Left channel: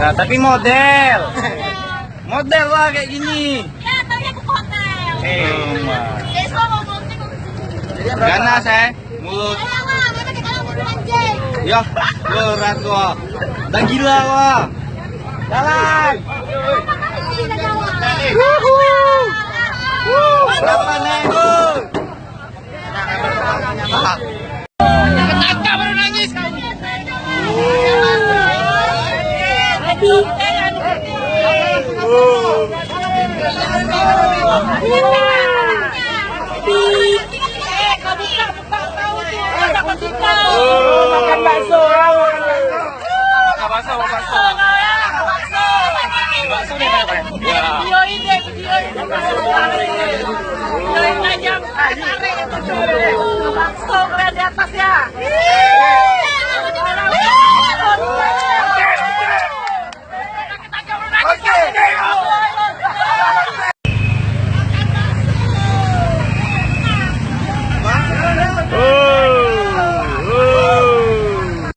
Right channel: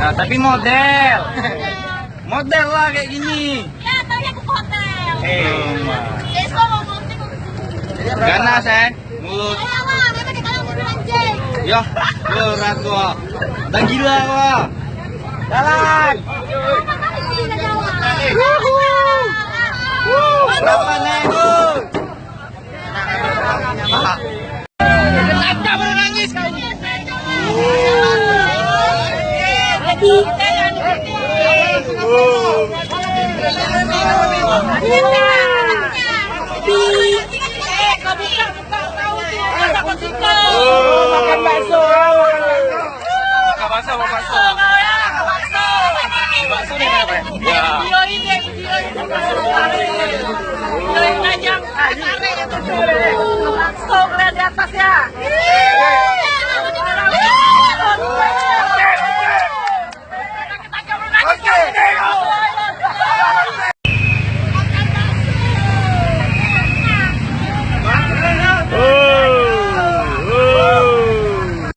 Nah, tapi model lah kayak gini. Ya, taunya ke hotel. Besok mau nanti Gana saya mulut. Ya, yo nakwa. Bagi lawa. Jalan. Berapa nego? Kenapa menangis? Makan bakso ya, makan bakso. Ya.